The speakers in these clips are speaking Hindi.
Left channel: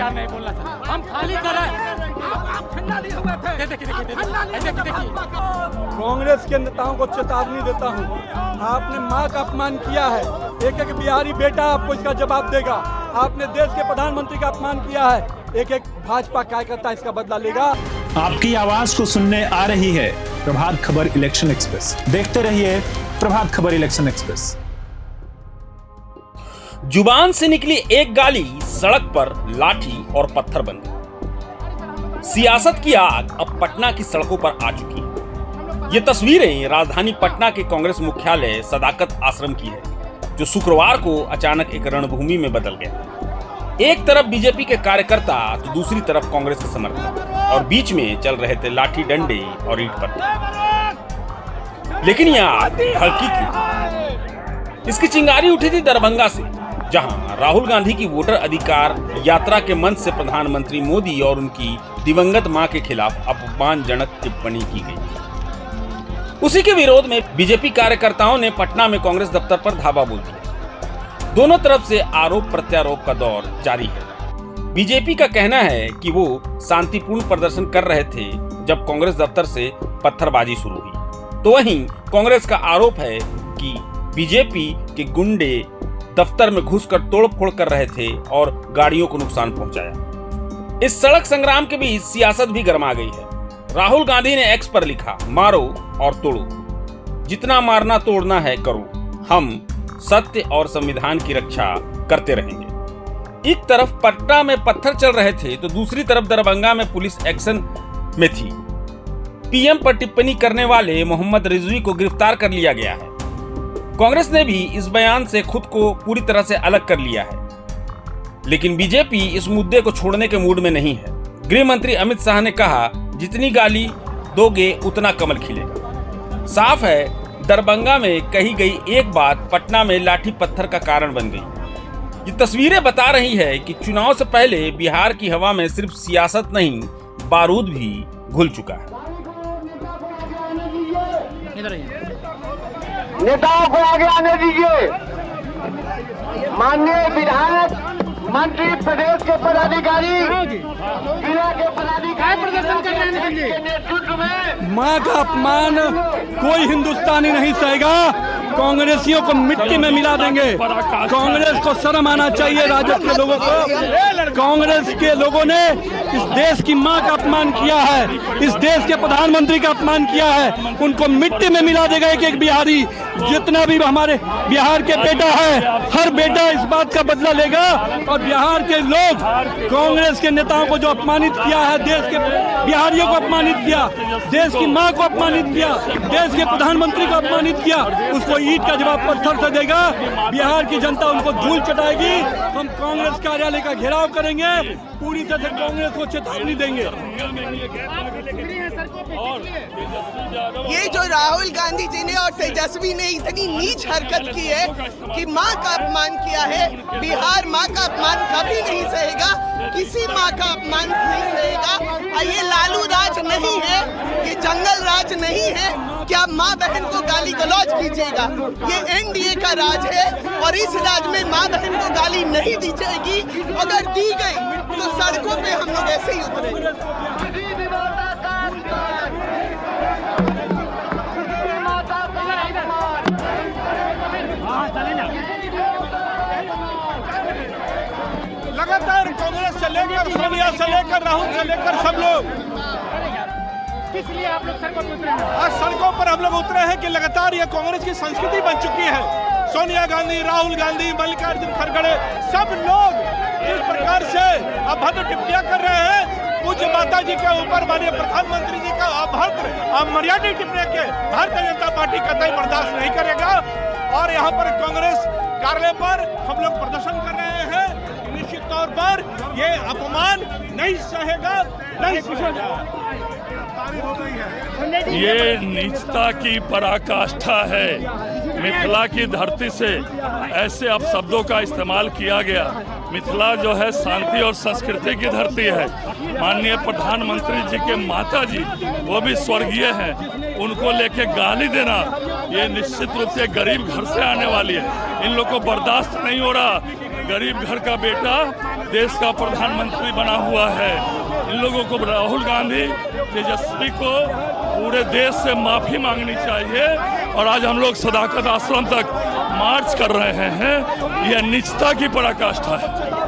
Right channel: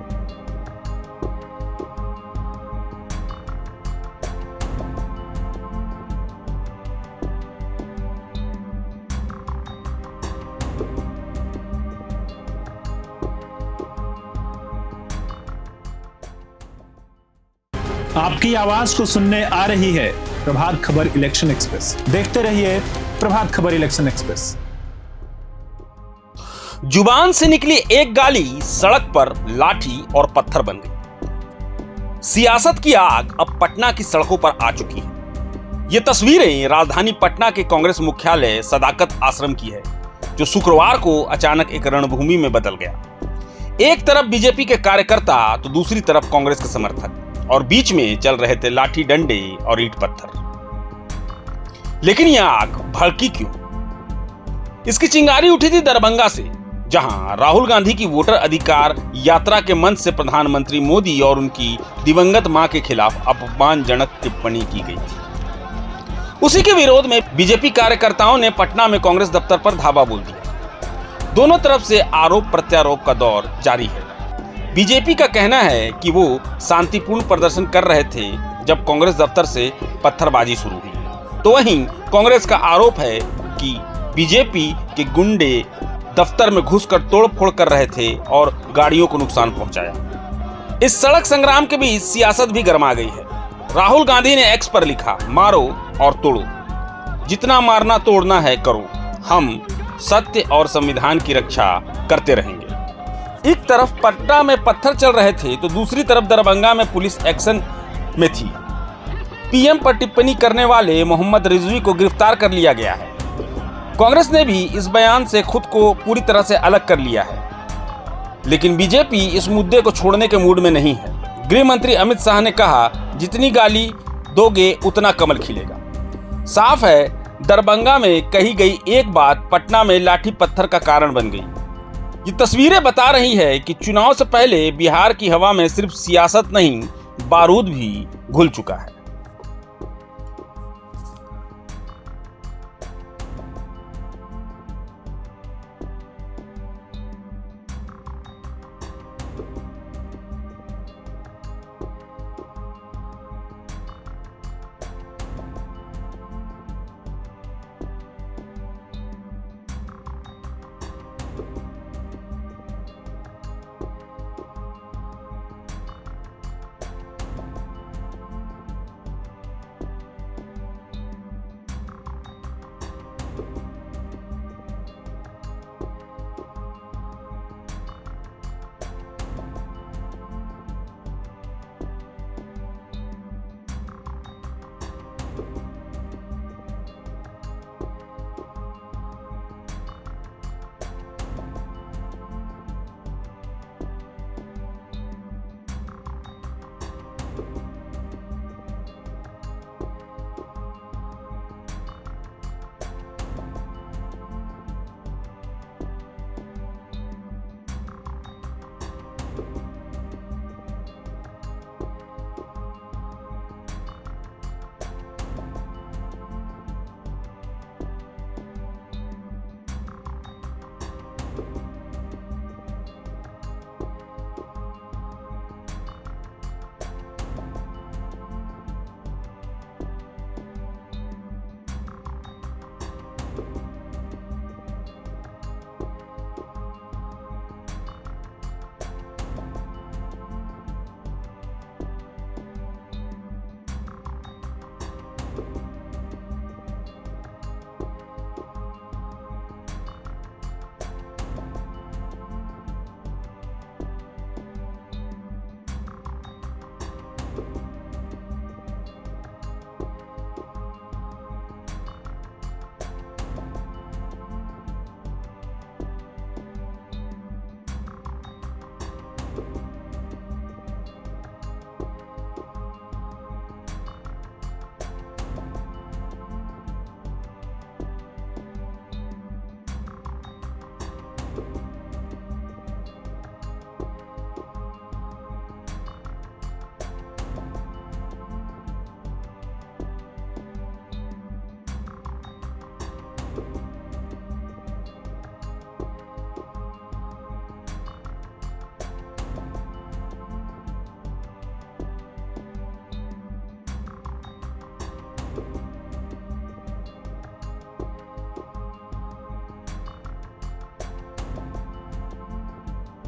बेकार नहीं बोलना सर, हम खाली कर रहे हैं। कांग्रेस के नेताओं को चेतावनी देता हूँ, आपने माँ का अपमान किया है, एक एक बिहारी बेटा आपको इसका जवाब देगा। आपने देश के प्रधानमंत्री का अपमान किया है, एक एक भाजपा कार्यकर्ता इसका बदला लेगा। आपकी आवाज को सुनने आ रही है प्रभात खबर इलेक्शन एक्सप्रेस। देखते रहिए प्रभात खबर इलेक्शन एक्सप्रेस। जुबान से निकली एक गाली सड़क पर लाठी और पत्थर बन गई। सियासत की आग अब पटना की सड़कों पर आ चुकी है। ये तस्वीरें राजधानी पटना के कांग्रेस मुख्यालय सदाकत आश्रम की है, जो शुक्रवार को अचानक एक रणभूमि में बदल गया। एक तरफ बीजेपी के कार्यकर्ता तो दूसरी तरफ कांग्रेस के समर्थक, और बीच में चल रहे थे लाठी डंडे और ईंट पत्थर। लेकिन यह आग भड़की क्यों? इसकी चिंगारी उठी थी दरभंगा से, जहां राहुल गांधी की वोटर अधिकार यात्रा के मंच से प्रधानमंत्री मोदी और उनकी दिवंगत मां के खिलाफ अपमानजनक टिप्पणी की गई। उसी के विरोध में बीजेपी कार्यकर्ताओं ने पटना में कांग्रेस दफ्तर पर धावा बोल दिया। दोनों तरफ से आरोप प्रत्यारोप का दौर जारी है। बीजेपी का कहना है कि वो शांतिपूर्ण प्रदर्शन कर रहे थे जब कांग्रेस दफ्तर से पत्थरबाजी शुरू हुई, तो वहीं कांग्रेस का आरोप है कि बीजेपी के गुंडे दफ्तर में घुसकर तोड़फोड़ कर रहे थे और गाड़ियों को नुकसान पहुंचाया। इस सड़क संग्राम के बीच सियासत भी गर्मा गई है। राहुल गांधी ने एक्स पर लिखा, मारो और तोड़ो, जितना मारना तोड़ना है करो, हम सत्य और संविधान की रक्षा करते रहेंगे। एक तरफ पटना में पत्थर चल रहे थे तो दूसरी तरफ दरभंगा में पुलिस एक्शन में थी। पीएम पर टिप्पणी करने वाले मोहम्मद रिजवी को गिरफ्तार कर लिया गया है। कांग्रेस ने भी इस बयान से खुद को पूरी तरह से अलग कर लिया है, लेकिन बीजेपी इस मुद्दे को छोड़ने के मूड में नहीं है। गृह मंत्री अमित शाह ने कहा, जितनी गाली दोगे उतना कमल खिलेगा। साफ है, दरभंगा में कही गई एक बात पटना में लाठी पत्थर का कारण बन गई। ये तस्वीरें बता रही है कि चुनाव से पहले बिहार की हवा में सिर्फ सियासत नहीं, बारूद भी घुल चुका है। नेताओं को आगे आने दीजिए। माननीय विधायक, मंत्री, प्रदेश के पदाधिकारी, जिला के पदाधिकारी प्रदर्शन कर रहे हैं नेतृत्व में। माँ का अपमान कोई हिंदुस्तानी नहीं सहेगा। कांग्रेसियों को मिट्टी में मिला देंगे। कांग्रेस को शर्म आना चाहिए। राजद के लोगों को, कांग्रेस के लोगों ने इस देश की माँ का अपमान किया है, इस देश के प्रधानमंत्री का अपमान किया है। उनको मिट्टी में मिला देगा एक एक बिहारी। जितना भी हमारे बिहार के बेटा है, हर बेटा इस बात का बदला लेगा। और बिहार के लोग कांग्रेस के नेताओं को जो अपमानित किया है, देश के बिहारियों को अपमानित किया, देश की मां को अपमानित किया, देश के प्रधानमंत्री को अपमानित किया, उसको ईंट का जवाब पत्थर से देगा। बिहार की जनता उनको धूल चटाएगी। हम कांग्रेस कार्यालय का घेराव करेंगे, पूरी तरह से कांग्रेस को चेतावनी देंगे। ये जो राहुल गांधी जी ने और तेजस्वी ने इतनी नीच हरकत की है कि माँ का अपमान किया है। बिहार माँ का अपमान कभी नहीं सहेगा, किसी माँ का अपमान नहीं सहेगा। ये लालू राज नहीं है, ये जंगल राज नहीं है। क्या माँ बहन को गाली गलौज कीजिएगा? ये एनडीए का राज है और इस राज में माँ बहन को गाली नहीं दी जाएगी। अगर दी गई तो सड़कों पे हम लोग ऐसे ही उतरेंगे। लगातार कांग्रेस से लेकर सोनिया से लेकर राहुल से लेकर सब लोग इसलिए आप लोग सड़कों पर उतरे हैं। आज सड़कों पर हम लोग उतरे हैं कि लगातार ये कांग्रेस की संस्कृति बन चुकी है। सोनिया गांधी, राहुल गांधी, मल्लिकार्जुन खड़गे, सब लोग जिस प्रकार से अभद्र टिप्पणियां कर रहे हैं पूज्य माता जी के ऊपर, माननीय प्रधानमंत्री जी का अभद्र अमर्यादित टिप्पणी के भारतीय जनता पार्टी कतई बर्दाश्त नहीं करेगा। और यहाँ पर कांग्रेस कार्यालय पर हम लोग प्रदर्शन कर रहे हैं। निश्चित तौर पर ये अपमान नहीं सहेगा, नहीं सहेगा। ये नीचता की पराकाष्ठा है। मिथिला की धरती से ऐसे अपशब्दों का इस्तेमाल किया गया। मिथिला जो है शांति और संस्कृति की धरती है। माननीय प्रधानमंत्री जी के माता जी, वो भी स्वर्गीय हैं, उनको लेके गाली देना ये निश्चित रूप से गरीब घर से आने वाली है। इन लोगों को बर्दाश्त नहीं हो रहा। गरीब घर का बेटा देश का प्रधानमंत्री बना हुआ है। इन लोगों को, राहुल गांधी, तेजस्वी को पूरे देश से माफी मांगनी चाहिए। और आज हम लोग सदाकत आश्रम तक मार्च कर रहे हैं, यह नीचता की पराकाष्ठा है।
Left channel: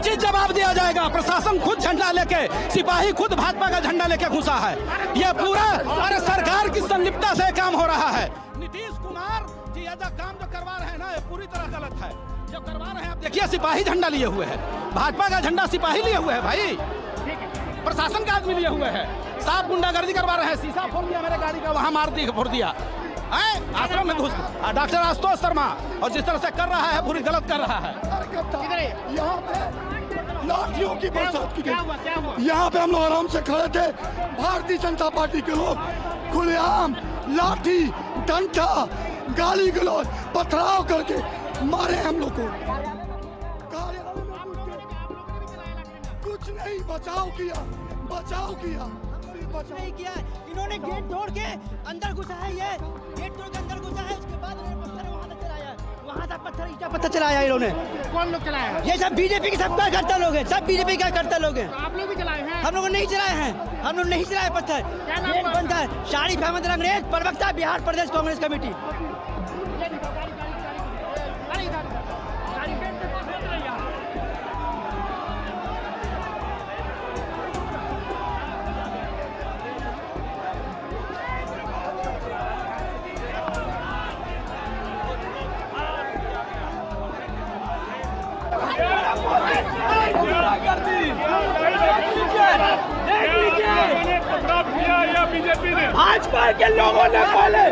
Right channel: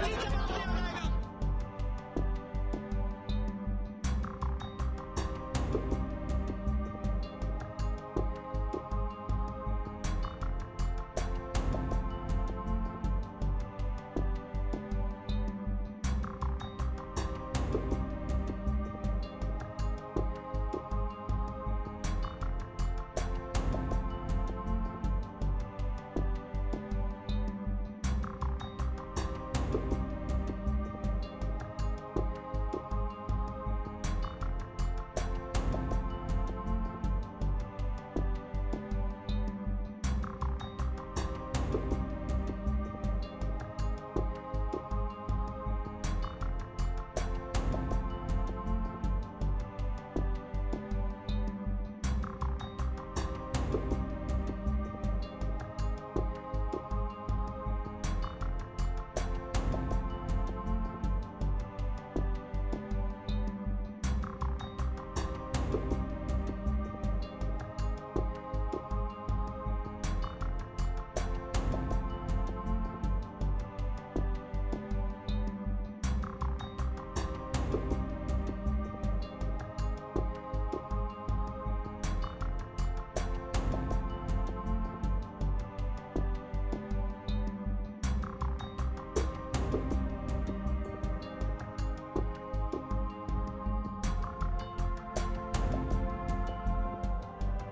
उचित जवाब दिया जाएगा। प्रशासन खुद झंडा लेके, सिपाही खुद भाजपा का झंडा लेके घुसा है। ये पूरा अरे सरकार की संलिप्तता से काम हो रहा है। नीतीश कुमार जी ये काम जो करवा रहे हैं ना, ये पूरी तरह गलत है। जो करवा रहे हैं, आप देखिए सिपाही झंडा लिए हुए है, भाजपा का झंडा सिपाही लिए हुए है भाई, प्रशासन का आदमी लिए हुए है। साफ गुंडागर्दी करवा रहे हैं, शीशा फोड़ दिया मेरे गाड़ी का, वहां मार दी, फोड़ दिया आश्रम में घुस। डॉक्टर आशुतोष शर्मा और जिस तरह से कर रहा है, पूरी गलत कर रहा है। लाठियों की बरसात की गई। यहाँ पे हम लोग आराम से खड़े थे, भारतीय जनता पार्टी के लोग खुलेआम लाठी डंडा गाली गलौज पथराव करके मारे हम लोग को। कुछ नहीं, बचाव किया, बचाव किया, नहीं किया। इन्होंने गेट तोड़ के अंदर घुसा है, ये गेट तोड़ के अंदर घुसा है, उसके बाद इन्होंने पत्थर वहां तक चलाया है, वहां तक पत्थर चलाया इन्होंने। कौन लोग चलाया है? ये सब बीजेपी के सब कार्यकर्ता लोग हैं, सब बीजेपी के कार्यकर्ता लोग हैं। आप लोग भी चलाए हैं? हम लोग नहीं चलाए हैं, हम लोग नहीं चलाए पत्थर। गेट बंद है। शारिफ अहमद अंग्रेज, प्रवक्ता बिहार प्रदेश कांग्रेस कमेटी। भाजपा के लोगों ने पहले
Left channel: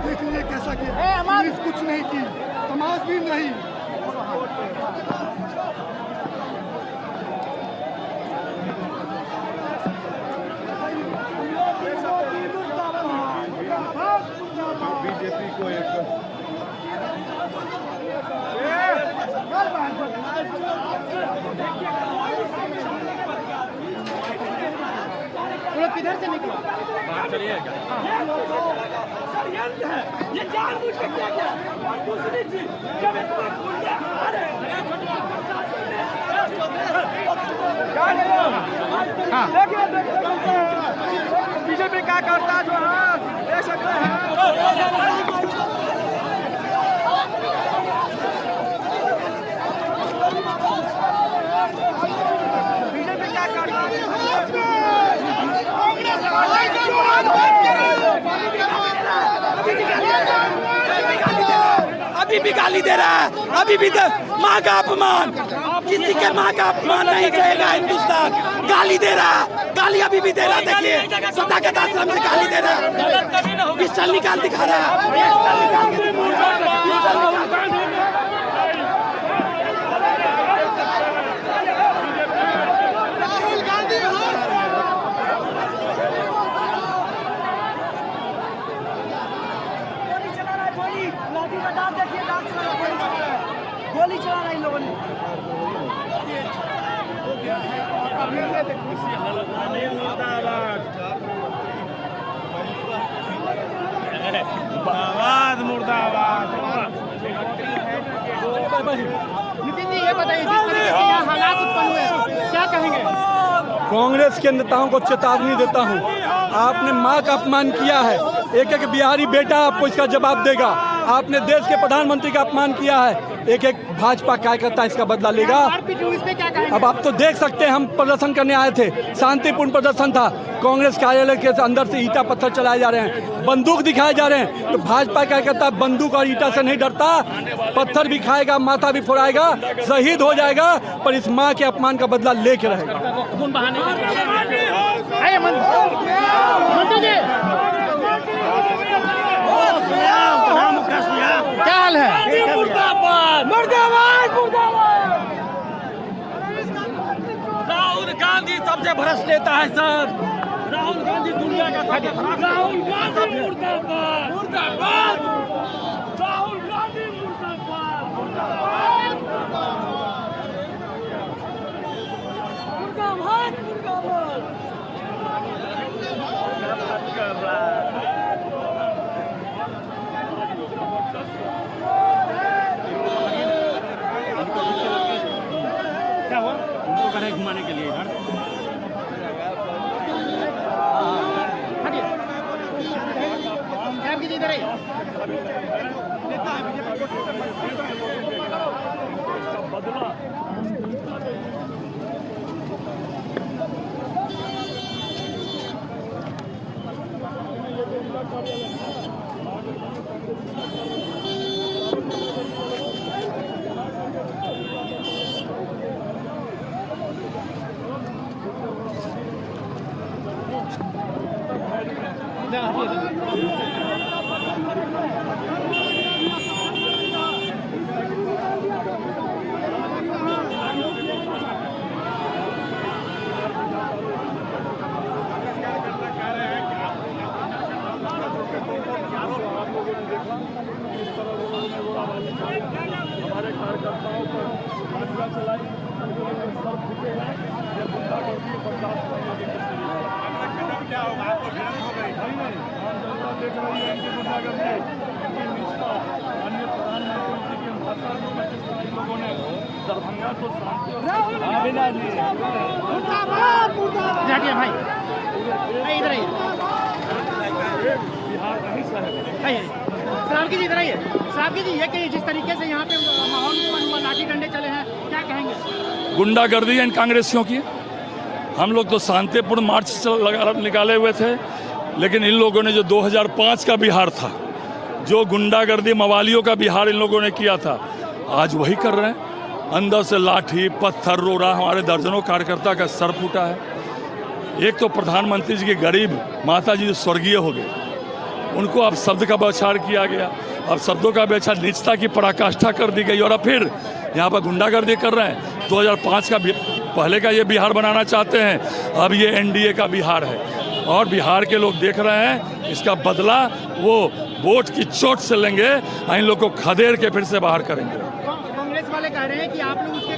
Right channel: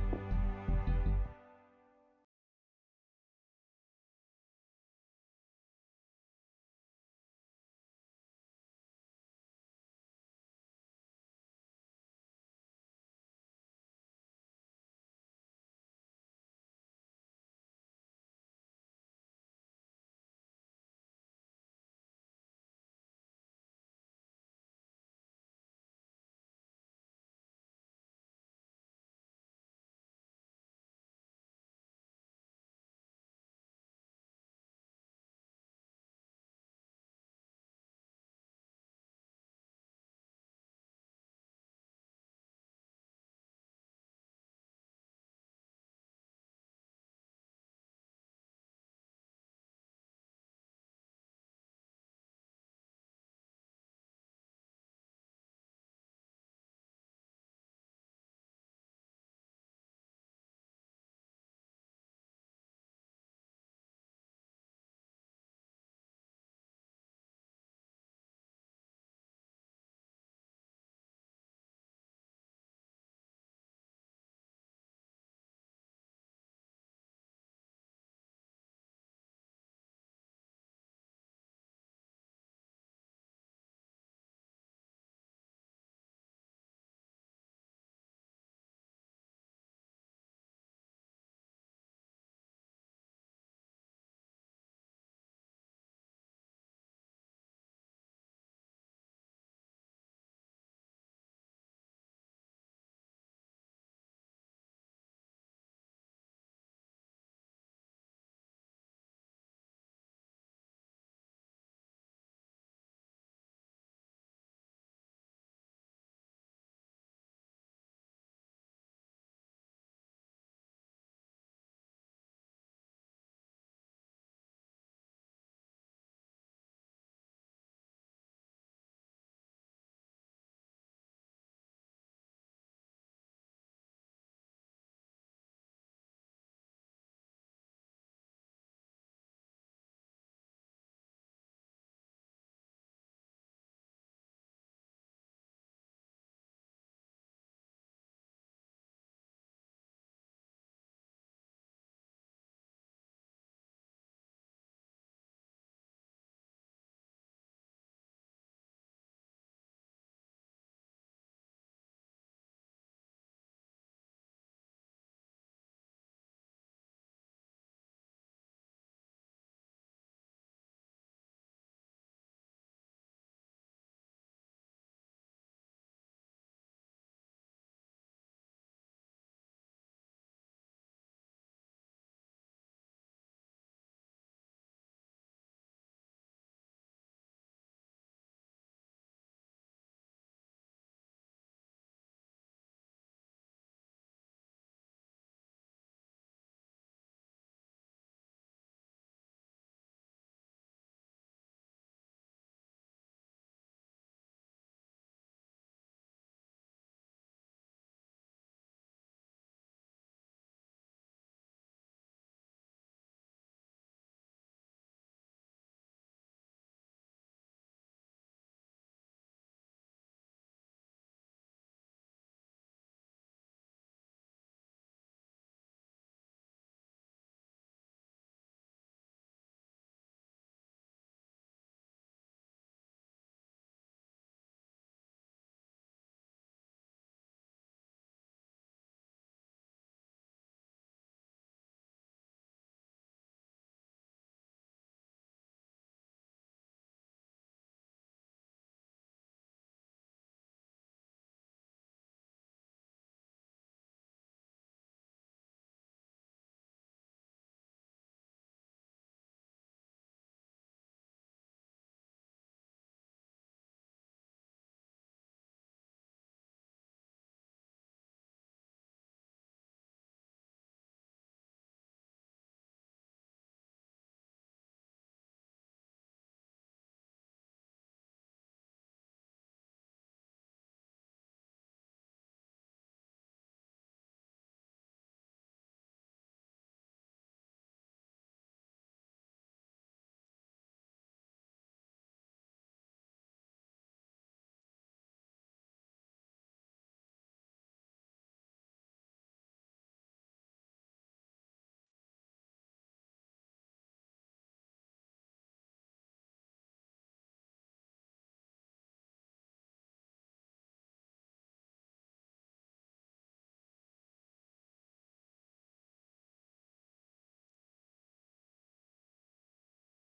देख लीजिए कैसा किया, पुलिस कुछ नहीं की, तमाशबीन नहीं। बीजेपी को किधर से निकला? ये जानबूझ के किया गया। दूसरी चीज जब बीजेपी क्या करता जो है देख सकते हैं। बीजेपी क्या करता अभी भी गाली दे रहा है, अभी भी माँ का अपमान, किसी के माँ का अपमान नहीं कहेगा हिंदुस्तान। गाली दे रहा है, गाली अभी भी दे रहा है। देखिए सदाकत आश्रम से गाली दे रहा है, पिस्टल निकाल दिखा रहा है। गोली चला रहा है इन लोगों ने। मुर्दाबाद। नितिन जी ये बताइए, जिस तरीके से यहाँ हालात उत्पन्न हुए, क्या कहेंगे? कांग्रेस के नेताओं को चेतावनी देता हूं, आपने मां का अपमान किया है, एक एक बिहारी बेटा आपको इसका जवाब देगा। आपने देश के प्रधानमंत्री का अपमान किया है, एक एक भाजपा कार्यकर्ता इसका बदला लेगा। अब आप तो देख सकते हैं, हम प्रदर्शन करने आए थे, शांतिपूर्ण प्रदर्शन था। कांग्रेस कार्यालय के अंदर से ईटा पत्थर चलाए जा रहे हैं, बंदूक दिखाए जा रहे हैं। तो भाजपा कार्यकर्ता बंदूक और ईटा से नहीं डरता, पत्थर भी खाएगा, माथा भी फोड़ाएगा, शहीद हो जाएगा, पर इस माँ के अपमान का बदला लेके रहेगा। क्या हाल है? सबसे भ्रष्ट नेता है सर राहुल गांधी, दुनिया का राहुल गांधी मुर्दाबाद, मुर्दाबाद, राहुल गांधी मुर्दाबाद, मुर्दाबाद, मुर्दाबाद, मुर्दाबाद। क्या हुआ उनको करें घुमाने के लिए इधर क्या कीजिए इधर हमारे कार्यकर्ताओं पर गोलियां चलाई, सब फूटे हैं, ये गुंडागर्दी बर्दाश्त नहीं होगी। क्या होगा आपको भिड़ंत हो गई? नहीं, आम जनता देख रही है इनकी गुंडागर्दी, इनकी निष्ठा। अन्य प्रधानमंत्री जी के भाषण में जिस तरह इन लोगों ने दरभंगा तो शांति जाटिए भाई इधर आइए, बिहार नहीं सहे। सलाम कीजिए, इधर आइए साहब कीजिए। ये कहिए जिस तरीके से यहाँ पे माहौल उत्पन्न हुआ, लाठी डंडे चले हैं, क्या कहेंगे? गुंडागर्दी है इन कांग्रेसियों की। हम लोग तो शांतिपूर्ण मार्च निकाले हुए थे, लेकिन इन लोगों ने जो 2005 का बिहार था, जो गुंडागर्दी मवालियों का बिहार इन लोगों ने किया था, आज वही कर रहे हैं। अंदर से लाठी पत्थर रोड़ा, हमारे दर्जनों कार्यकर्ता का सर फूटा है। एक तो प्रधानमंत्री जी की गरीब माता जी जो स्वर्गीय हो गए, उनको अब शब्द का बौछार किया गया, अब शब्दों का बौछार नीचता की पराकाष्ठा कर दी गई, और अब फिर यहाँ पर गुंडागर्दी कर रहे हैं। 2005 का पहले का ये बिहार बनाना चाहते हैं, अब ये एनडीए का बिहार है, और बिहार के लोग देख रहे हैं इसका बदला वो वोट की चोट से लेंगे, इन लोग को खदेड़ के फिर से बाहर करेंगे। कांग्रेस वाले कह रहे हैं कि आप लोग उसके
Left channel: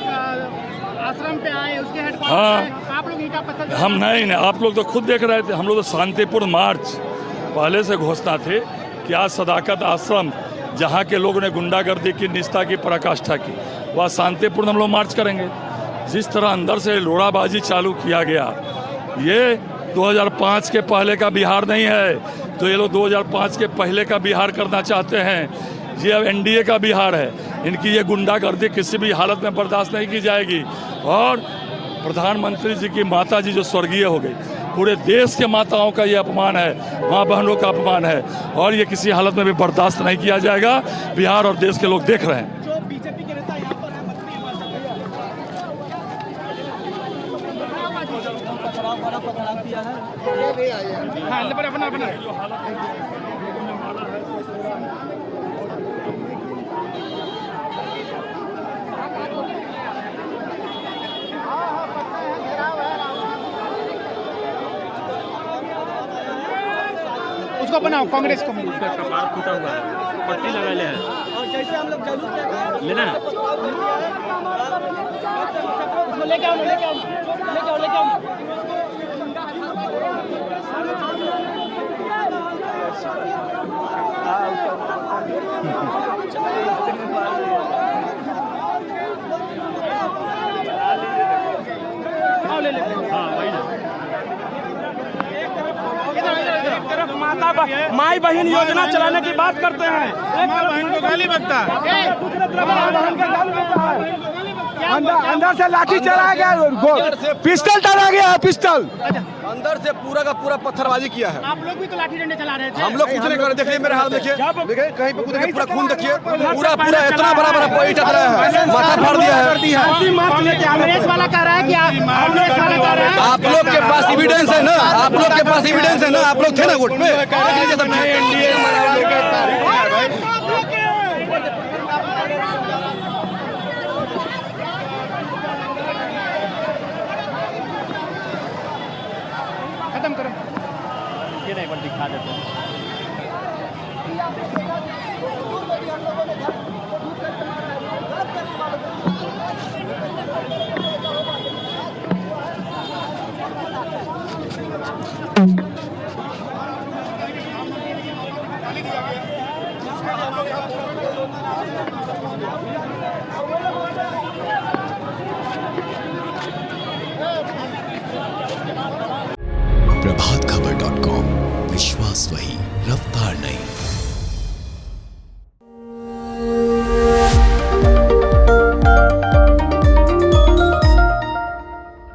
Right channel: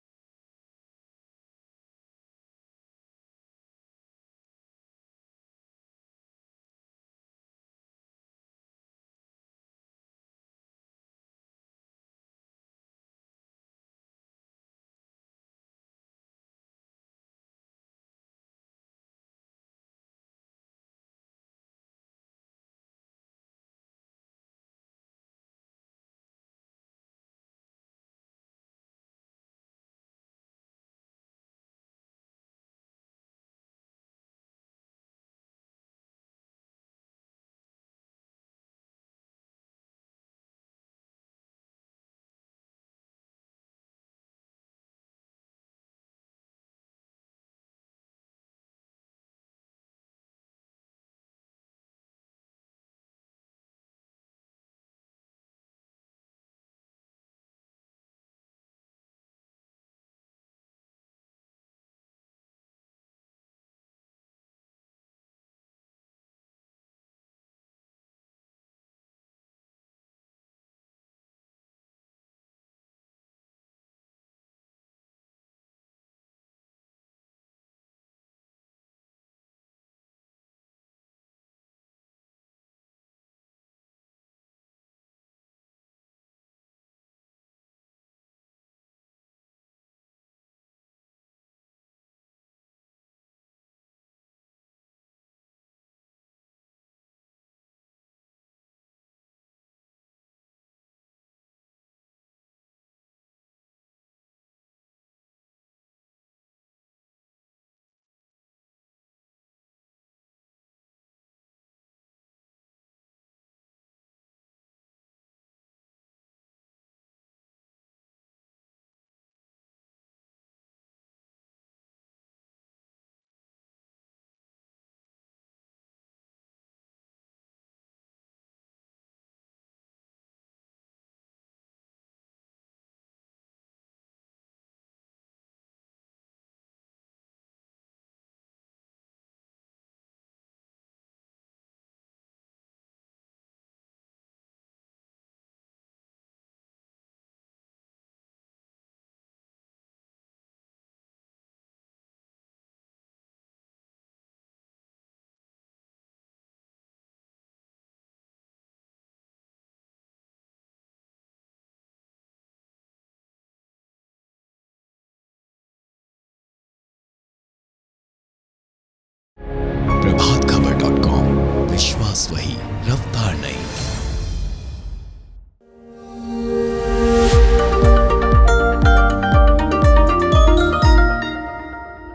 आश्रम पे आए, उसके हेडक्वार्टर हाँ, पे आप लोग ईंटा पत्थर। हम नहीं, आप लोग तो खुद देख रहे थे। हम लोग तो शांतिपूर्ण मार्च पहले से घोषणा थे कि आज सदाकत आश्रम, जहाँ के लोगों ने गुंडागर्दी की निष्ठा की पराकाष्ठा की, वह शांतिपूर्ण हम लोग मार्च करेंगे। जिस तरह अंदर से लोड़ाबाजी चालू किया गया, ये 2005 के पहले का बिहार नहीं है, तो ये लोग 2005 के पहले का बिहार करना चाहते हैं। ये अब एनडीए का बिहार है, इनकी ये गुंडागर्दी किसी भी हालत में बर्दाश्त नहीं की जाएगी। और प्रधानमंत्री जी की माता जी जो स्वर्गीय हो गई, पूरे देश के माताओं का ये अपमान है, माँ बहनों का अपमान है, और ये किसी हालत में भी बर्दाश्त नहीं किया जाएगा। बिहार और देश के लोग देख रहे हैं। जो बीजेपी के नेता यहाँ पर है, उसको बनाओ, कांग्रेस को उसका कपार फूटा हुआ है, पट्टी लगा ले है। और जैसे हम लोग जरूर लेना है, उसको लेके आओ, लेके आओ, लेके आओ, लेके आओ। ले ले, हाँ वही ना। माई बहन योजना चलाने की बात करते हैं, माँ बहन को गाली बकता है, अंदर से लाठी चलाया गया, पिस्टल डाला गया, पिस्टल अंदर से पूरा का पूरा पत्थरबाजी किया है। आप लोग भी तो लाठी डंडे चला रहे थे। हम लोग कुछ नहीं कर रहे, देखिए मेरे हाथ देखिए, देखिए कहीं पे देखिए पूरा खून देखिए, पूरा पूरा इतना बड़ा बड़ा ईंटा चला है, माथा फाड़ दिया है। कांग्रेस वाला कह रहा है कि कांग्रेस वाला कह रहा है, आप लोग के पास एविडेंस है ना, आप लोग के पास एविडेंस है ना, आप लोग थे ना वोट पे। प्रभातखबर.com, विश्वास वही, रफ्तार नहीं।